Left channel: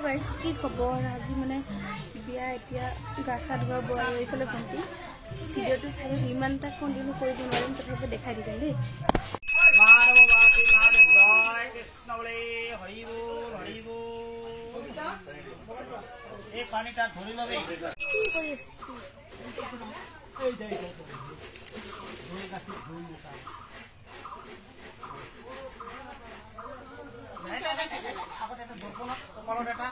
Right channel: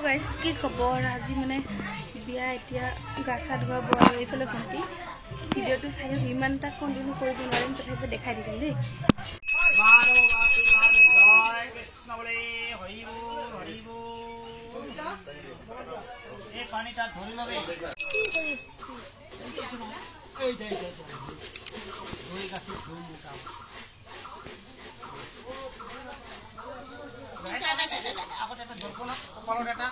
hello guys की खबर आज माने बिया एतिया गासा धुआ बुआ এইফালে ভন্টি ভিডিওটো চাই ইমান তা কন্টিনিউ কৰিব নোৱাৰিম তথাপি দেখাই দিম দেই মানৱবাদী লাড জয় কৃষ্ণলে হৰিবো হৰিবো এই পানীটা ধৰি লবে এই দেই ধৰি গাছি ধুই মুকা আগতে এটা দৰ্পণত কপালৰ এটা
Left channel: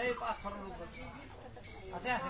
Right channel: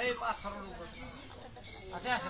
এই পাথৰৰ ওপৰত আছে আছে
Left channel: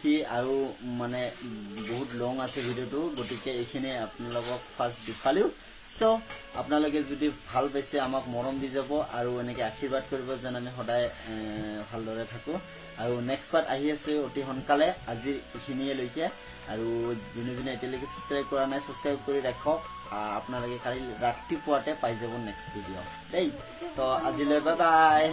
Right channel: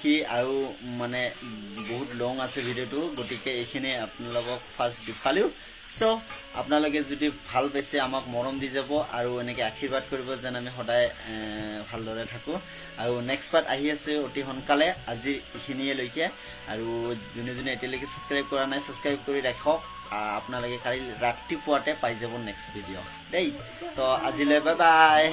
নেকি আৰু মানে বহুত লং আছে ভিডিঅ'টো গতিকে এইখিনি আপোনালোকক ফাৰ্ষ্ট দেখালোঁ সো আপোনালোকে যদি ভাল পাইছে আমাক মৰম দি যাব আৰু এনেকৈ আশীৰ্বাদ কৰিব যেন আমি সদায় ভালদৰে থাকোঁ আৰু নেক্সট পাৰ্ট আহি আছে অতি সোনকালে আজি এইখিনিয়ে লৈকে আৰু যোনে যোনে এতিয়ালৈকে ছাবস্ক্ৰাইব কৰা নাই ছাবস্ক্ৰাইব কৰি ৰাখক আপোনালোকে কালি ৰাতিপুৱাতে পাই যাব নেক্সট ভিডিঅ' দেই তো আজিলৈ বাই বাই